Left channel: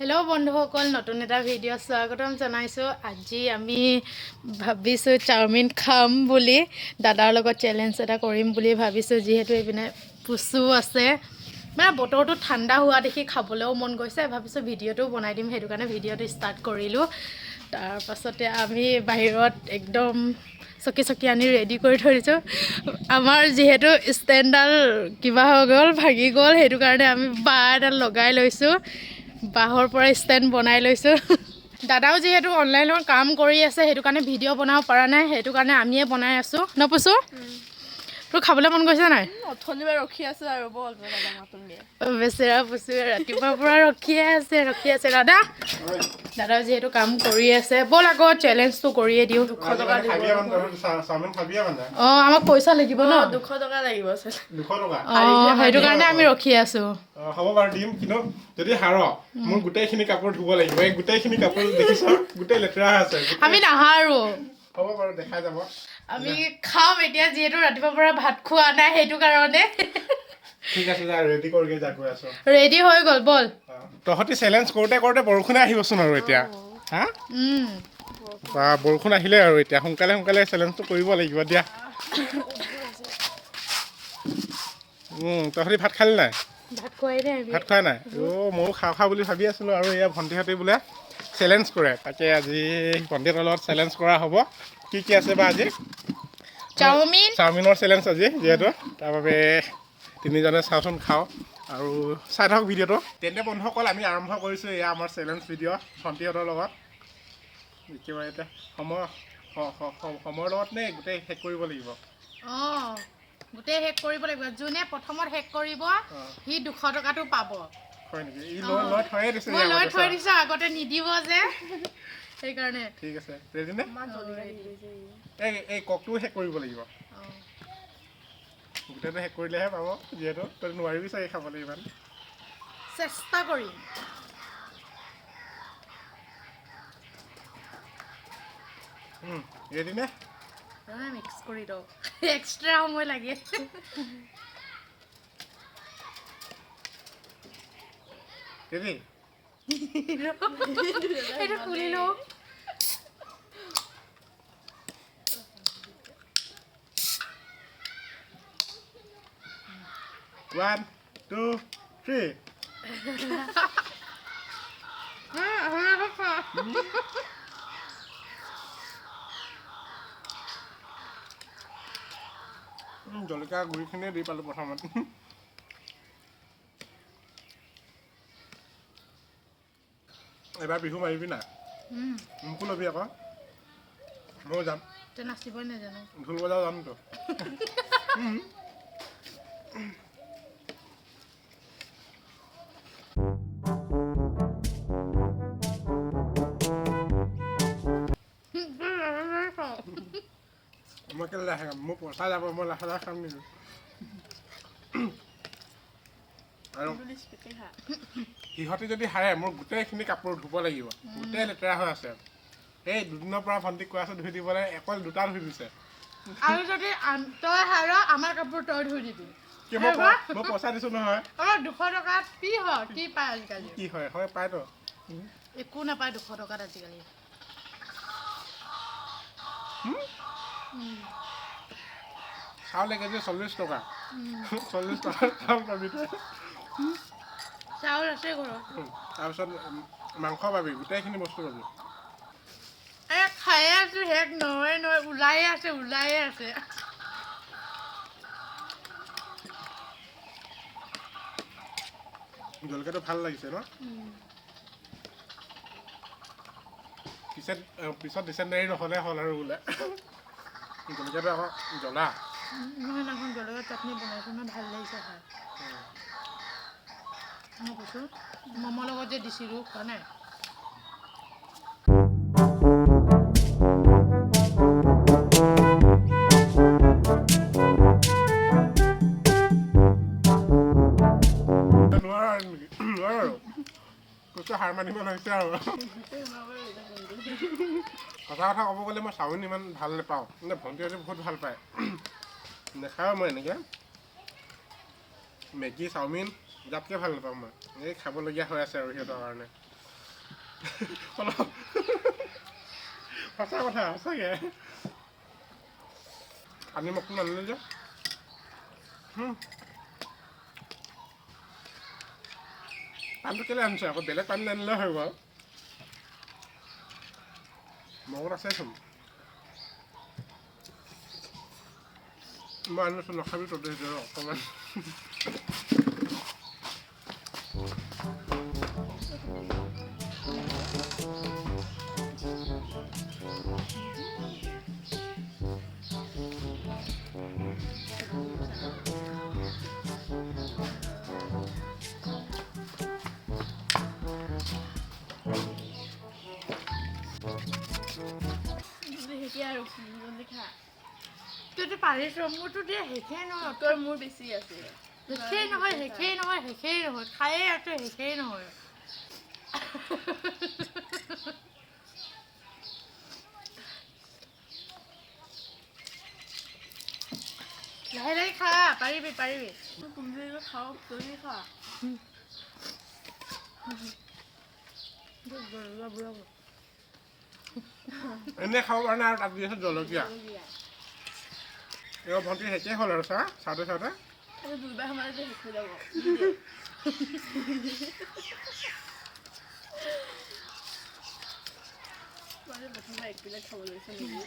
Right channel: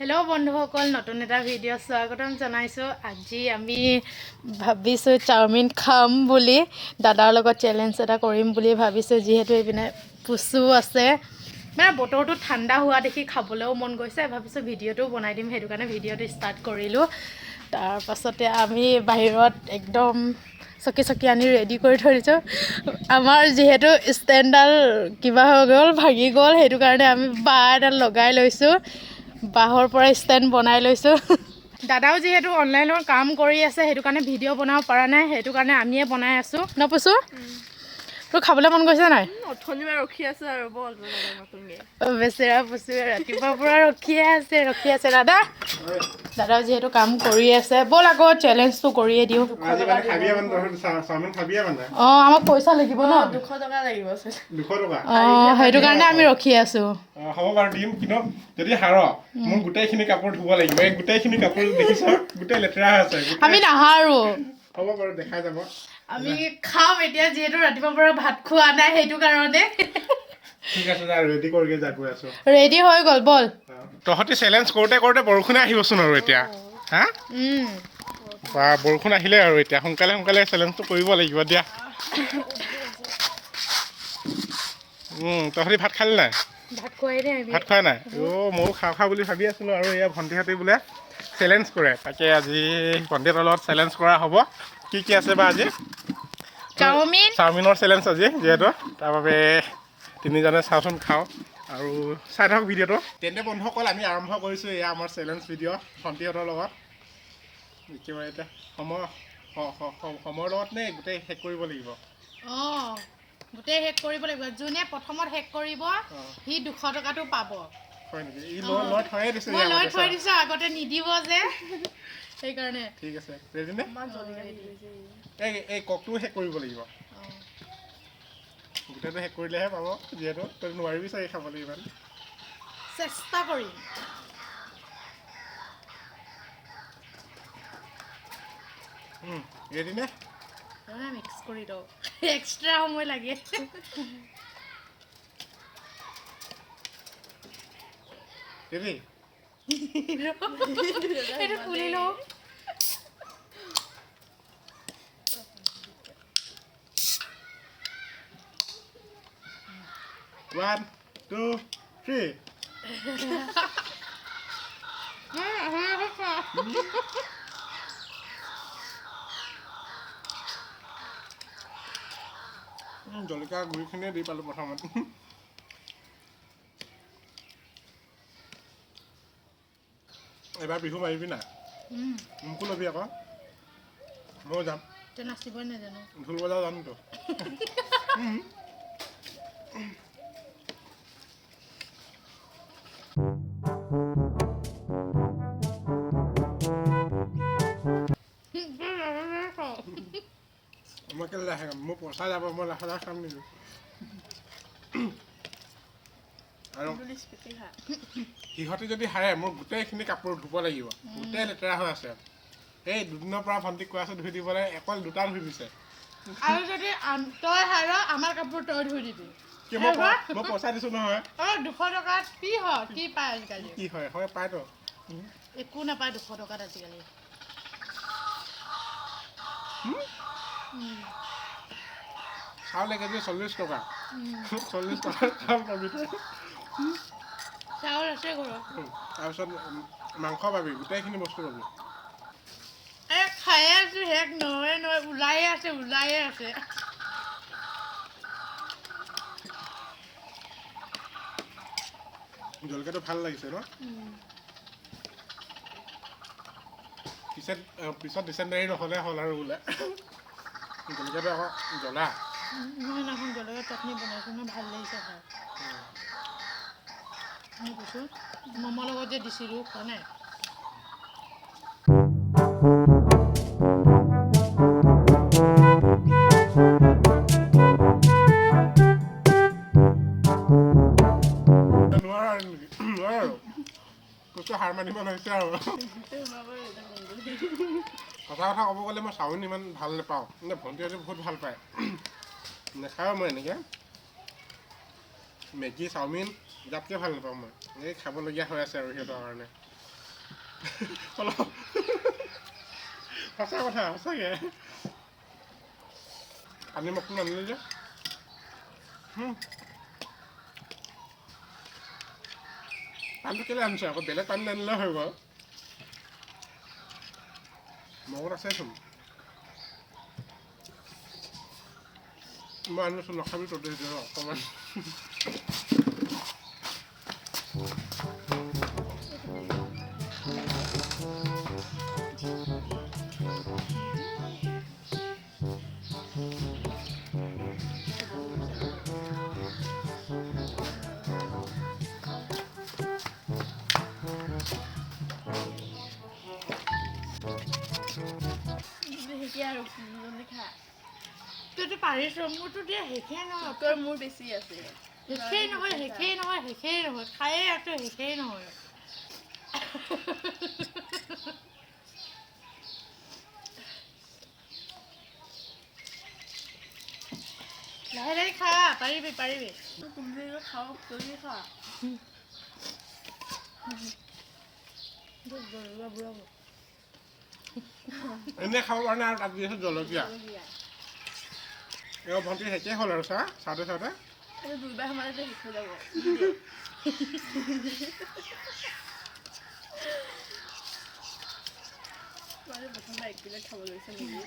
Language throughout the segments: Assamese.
হেল্ল' বন্ধুসকল, নতুন এটা ভিডিঅ' স্বাগতম জনাইছোঁ। আজি আমি ভাবিছোঁ চাওমিন খাম বুলি, দাদাৰ লগত চেলেঞ্জ এটা কৰিম বুলি ভাবিছোঁ। যিহেতু এইপিনে পুচু আছে, মানে বতৰটো ঠাণ্ডা হোৱা দেখি খাবলৈও মন গৈছে। ভাবিছোঁ ভিডিঅ'টোও বনাই দিম, সেইটো কাৰণে ভিডিঅ'টো ষ্টাৰ্ট কৰিলোঁ। তাৰপাছতে আমি বাহিৰত একদম চকী আনি ৰেডি কৰি থৈ দিছোঁ। আমাৰ যিহেতু ষ্টেণ্ডডাল কিবা হৈ গ'ল, ভাগি গ'ল, সেইটো কাৰণে আমি বাঁহ এডাল লগাই লৈছোঁ। বাঁহৰ পৰা ষ্টেণ্ড বনাই লৈছোঁ। দাদাও যিহেতু অনলাইনৰ কাম কৰি আছে, সেইটো কাৰণে ভিডিঅ' বনাব পৰা নাই, সেইটো কাৰণে আমিয়ে বনাই আছোঁ। নপুচো তোৰ খাবলৈ মন গৈছে নাই? ৰখি আছো আৰু বেচেৰা পুচুৱে ৰাতিপুৱাৰ পৰা ৰখিয়ে আছে। দাদাও যিহেতু কাম কৰি আছে, ব'ল আকৌ চেলেঞ্জটো কৰিয়ে দিওঁ। অঁ, আমাক পইচা লাগিব ন, 200 টকা লাগিব। অঁ, সেইটো কাৰণে আমি ৰখি আছোঁ। হ'ব বাৰু দিম, কিন্তু যদি হাৰ মোৰ গোটেইখিনি কাপোৰ ধুব লাগিব। এই গোটেইখিনি কাপোৰ দেখিছ, গোটেই লেতেৰা হৈ আছে। আমি নাহাৰো, হ'ব বাৰু দেখাই যাব। আমি খাম এতিয়া, যিহেতু ৰাতিপুৱাৰ পৰা ভাত খোৱা নাই, সেইটো কাৰণে। ঠিক আছে, যা ৰেডি কৰিকে যা, গৈ আছো। ৰেডি হৈ গ'ল, ব'ল। তহঁতি চেলেঞ্জ কৰোঁতে কৰোঁতে বৰষুণে আহিবচোন আৰু এতিয়া। হা বা বৰষুণ আহিলে আৰু এতিয়া সোনকালে চেলেঞ্জটো কৰিব লাগিব দিয়া। তহঁতি ভাত খালি নাই? ভাত খোৱাই নাই? অ' ময়ো খাওঁ বুলি ভাবি আছিলোঁ। আৰু এয়া ভণ্টিহঁতে বোলে চেলেঞ্জ কৰে, তাকে আজি ভণ্টিহঁতৰ লগত চেলেঞ্জ কৰা হ'ব। কি আছে বা আজি? চাওমিনৰ চেলেঞ্জ আজি যিহেতু, তাৰ বাবে তিনিজনে চাওঁচোন খাওঁ আৰু চাই থাকক ভিডিঅ'টো। তেন্তে বন্ধুসকল, আমি আৰম্ভ কৰিছোঁ এয়া আমাৰ চেলেঞ্জ ভিডিঅ' ভণ্টিহঁতৰ লগত। একেবাৰে এতিয়া সময়ৰ লগত নে গোটেই শেষ কৰিব লাগিব? অঁ, গোটেই শেষ কৰিব লাগিব। যোনে প্ৰথমত শেষ কৰিব সি 200 টকাটো পাব। হয় নেকি? ই লৈ থৈয়ে দিছে। মই লৈ থৈ দিছোঁ, আগতে নিদিব যে, সেইকাৰণে। ঠিক আছে, ৰেডি নে? এই ককটোও শেষ কৰিব লাগিব। গোটেইটো শেষ কৰিলেহে পাব, যিহেতু তই নোৱাৰিবি চাগে খাবলৈ ইমান। চেষ্টা কৰিম। ৰেডি নে? মিক্স কৰি দিওঁ, এক্সট্ৰা সময় লাগে। ৰেডি? এইটো খুলি লওঁ। 1, 2, 3 জলকীয়া গুড়িখিনিয়ে দি পালোঁ প্ৰথমত। এবাৰ বিহু মাৰিবি নাই? মোকো ল'বি আকৌ, ময়ো যাম। নাচিবই নাজানো, ঢোল বজাব জানোতো। মই কেলে লাহে খাম? মোৰ পইচা যাব, মই লাহে খাম নেকি? আৰু সিহঁতে যদি হাৰে, মোৰ গোটেইখিনি কাপোৰ ধুব লাগিব, গোটেই লেতেৰা হৈ আছে। এই দুদিনৰ পৰা ভণ্টিক কৈ আছোঁ ধুই দিবলৈ, অকল 2টা ধুই দিছে। আৰু যদি তই হাৰ, আমাৰ কাপোৰ তই ধুই দিবি। মই পইচা দিছোঁ নহয়। 200 টকাত কি হয়, কি পায় আজিকালি? কি হয় পায়তো। একো নাপায় 200 টকাত আজিকালি। চাউল 1 কেজি 40 টকা। 40 টকাৰ চাউল পাবি তই। চাউল আছে ঘৰত। তাৰপিছত মাংস পাবি, গোটেইখিনি বস্তু পাবি। খায়ে আছোঁ, শেষ নহয়, ওলায়ে আছে। জলকীয়াটো ভাল লাগিছে ন? পিছত ডিচেণ্টাৰী নহ'লে হ'ল আৰু বোলে। জলকীয়াটো আকৌ জ্বলা। সেইদিনাখন জলকীয়া চাটনি বনাইছোঁ নহয়, ভাল লাগিছে খাই। মই কৈছোঁ, মমৰ লগত যে দিছিলোঁ, খোৱা নাই? হাৰ মানিব লৈছে আৰু। সঁচা কথা ক'ব গ'লে মই চাওমিন ইমান ভাল নাপাওঁ, কিন্তু ভণ্টিহঁতে বহুত ভাল পায়। নেখাওঁ মই এনেকৈ। মেগী চাওমিন যাতকৈ ভাল নাপাওঁ মই। এই খাবলগীয়া হৈ আছে আৰু সিহঁতৰ কাৰণে। অলপ সঁচা কথা সঁচাকৈ পানী মকটো নানিলে যে পানীটো কেলৈ আনিছে আকৌ বেলেগ পানী নানিলে হৈ গ'ল মগত আছেচোন মই আনিছোঁ নাখাবি তহঁতে সেইটো অকণমান আৰু জলদি খা তইতো পাৰিছ মোৰতো দিয়া শেষেই নহয় তোৰ মোৰ বেছি আছে শেষেই নহয় খায়ে আছো শেষেই নহয় লাহে লাহে খা পাৰিবি কুমজুৰি খাওঁ জলদি খা এনেই খাব পৰা নাই আৰু তাত দি আছে জলকীয়া এই ভণ্টি শেষেই হ'ল আৰু চাওঁতে দুবাৰ সোমালে শেষ হৈ যাব প্ৰথমবাৰ 1 প্লেট খাব লৈছে নেকি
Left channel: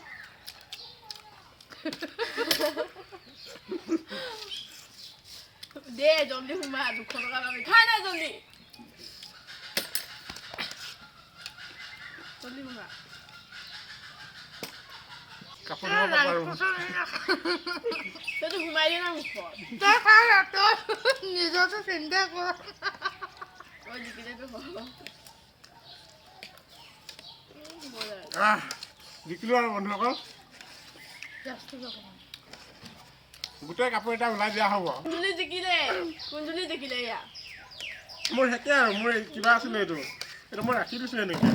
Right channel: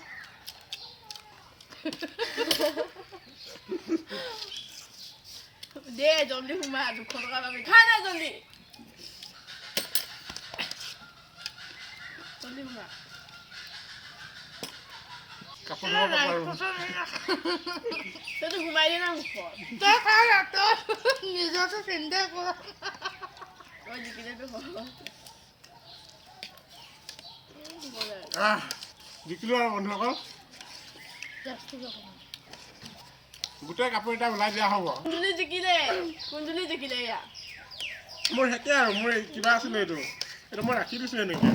দে জলদি সোমা 200 টকা পাবি খা না জলদি সোমা কাপোৰ ধুব পাৰোঁ তইতো সোমাই দিয়ে না মুখত তই খা তই নিজৰটো চিন্তা কৰ তই জিকিলেতো জিকিলোঁ আৰু বন্ধুসকল গোটেই কাপোৰ এটা ওলাই দিয়া হ'ব কুন্দুলি জিকিলে ইয়াত মোৰ শেষেই আৰু মোৰ কিবা আছিলে এইটো মই ৰাখি দিছোঁ এনেকৈ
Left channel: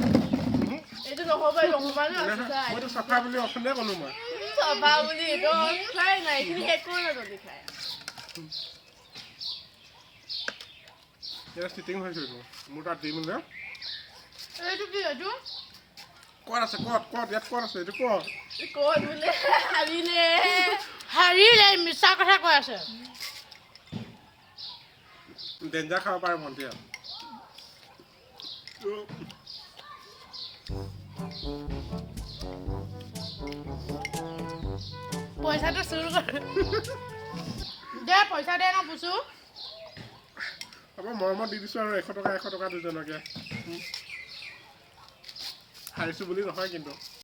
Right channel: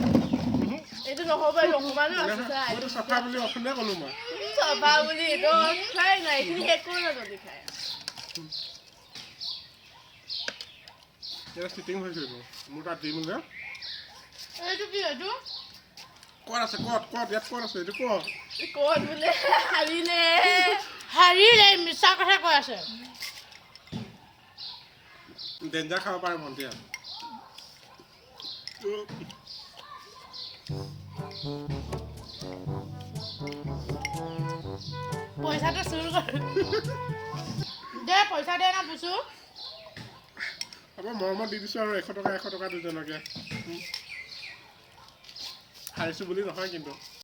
এইটো নহ'ব অকমানো আছে মইতো চাফা বুলি অথনিয়ে ক'লোঁ মই চাফা বুলি এইটো খাই নাই এইখিনি শেষ কৰি না জলদি খাই এতিয়া চিটিং হৈছে এইটো মোৰ তাত দিম যে এইটো কি এইটো ক'ত আছে ক'ত ইয়াত ক'ত আছে এইটো ক'ত বোলে হাৰিলে মিছা কথা কৈ আছে ডেঞ্জাৰ খাব পাৰে ভণ্টিয়ে পইচাটো চুৰ কৰ দে পইচা দে না পুচু হ'ব মৰমত দি দিছোঁ আৰু 100 টকা দুজনকে হাৰিছোঁ বুলি নহয় কিন্তু